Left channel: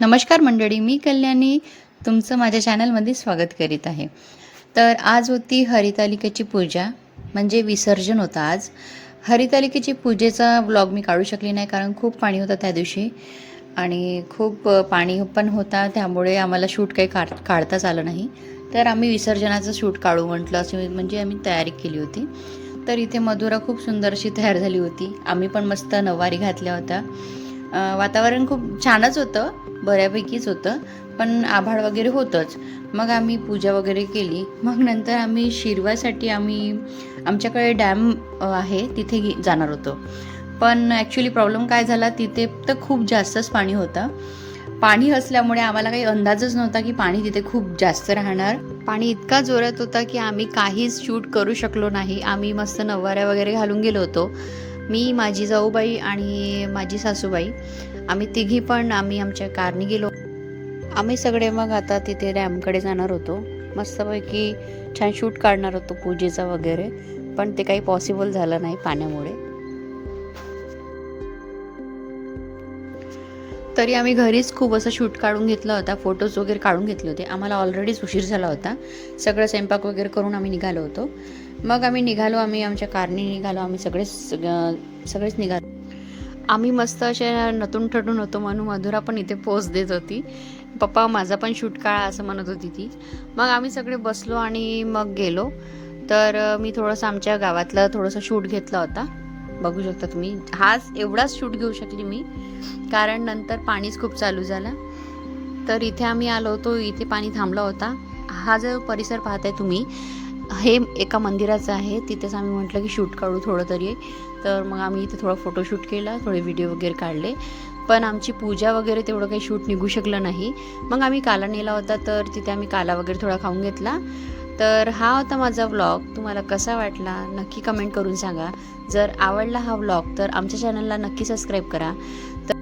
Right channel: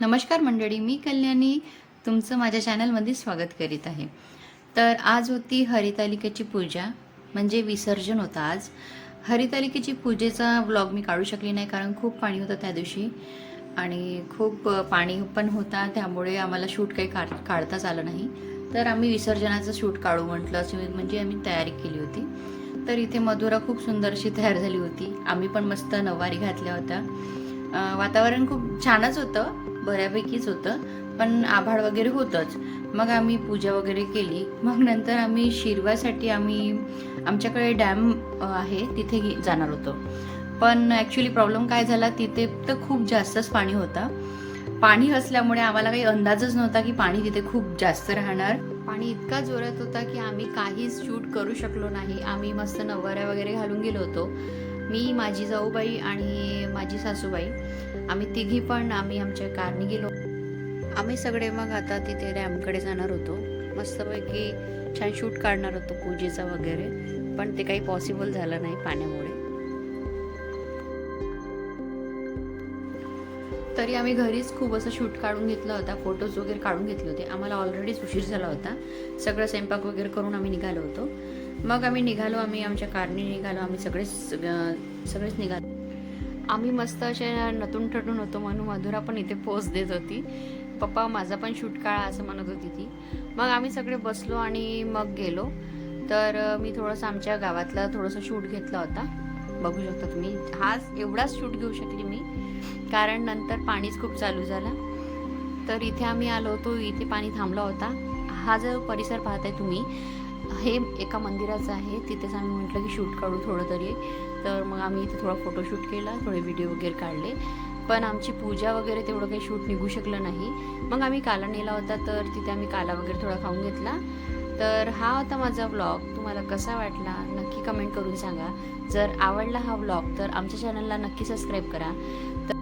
नमस्कार मंडळी मी कल्याणी तुमचं माझ्या चॅनलमध्ये स्वागत करीत आहे. तर आज होती हरितालिकेची पूजा म्हणजे विसर्जन होतं आज. हरितालिकेची पूजेचा ब्लॉग मी काढू शकली नाही कारण खूप पाणी होतं त्या दिवशी आणि खूप पाणी पण होता त्यामुळे आम्हाला शूट काही काढ काढताच आलं नाही. तर आम्ही विसर्जनाचं शूट काढू म्हटलं अशी म्हणजे आम्ही तयारी केली होती. तर इथे मधुरा खूप सुंदरशी तयार झाली होती. आम्ही पण मस्त नवारी घातल्या होत्या. वातावरण खूप छानच होतं बऱ्यापैकीच होतं पण आभाळ वगैरे होतंच. मग आम्ही पूजा वगैरे केली. मग नंतर आम्ही शिरवासाठी आम्ही आमच्याकडे डॅम आहे तिथे घे जाणार होतो. पण ॲक्च्युली प्रॉब्लेम काय झाला तिथे तर खूप जास्तच पाणी होतं. पाणी असल्यामुळे आम्हाला काही अंदाजच नव्हता की पाणी तिथे खूप जास्त राहणार. पाणी इतका जोरात होता की आम्ही काहीच शूट करू शकलो नाही. आम्ही मस्त नवाऱ्या वगैरे घालून गेलो होतो. मी माझी जाऊबाई आणि माझी सासूबाई आम्ही तिघी पण आम्ही आमच्या कारने गेलो. आम्ही सगळे मग आता तिथे डॅमकडे जाणार होतो. मस्तपैकी छान शूट काढणार होतो पूजेचा वगैरे पण ते काही पॉसिबल झालं नाही पाण्यामुळे. तरी आम्ही घरीच खूप असं शूट काढून घेतला होता फोटोज वगैरे काढून घेतले होते. आम्हाला ऑलरेडीच उशीर झाला होता. सगळं स्वयंपाक वगैरे करून आम्ही निघालो होतो. मग आम्ही निघालो आम्ही आमच्या कारने निघालो आम्ही सगळेच सगळेच निघालो. आम्ही मस्त असे नतून ठटून होतो म्हणून मधुरा पण इथे पोच देत होती. पप्पा माझा पण शूट काळा असं म्हणत होती ती. मग आम्ही सगळे बसलो आणि मग गेलो. तर मी थोडंसं आमच्या गावातला थोडंसं शूट घेतला होता. बघू शकता तुम्ही. हाच एवढाच शूट घेऊ शकली मी. कारण नंतर पाणीच खूप चालू झालं. तर इथे आम्ही आलो होतो इथे पाणी थांबला होता. हा जो परिसर पाहताय तुम्ही हे एका मंदिराचं आहे. तिथेच आम्ही म्हटलं की शूट काढू थोडं तरी. तर मग आम्ही इथे थोडा फोटोशूट केला थोडे व्हिडिओ वगैरे काढले. पण आमची पूजा वगैरे तेवढं काही शूट निघू शकलं नाही. मग आम्ही काला नेला होता तर तिथे आम्ही काला वगैरे थोडा खाऊन घेतला. तर हा होता माझा व्लॉग तुम्हाला कसा वाटला नक्की कमेंट करून सांगा. जर आवडला हा व्लॉग तर आमच्या चॅनलला नक्की सबस्क्राईब करा. तर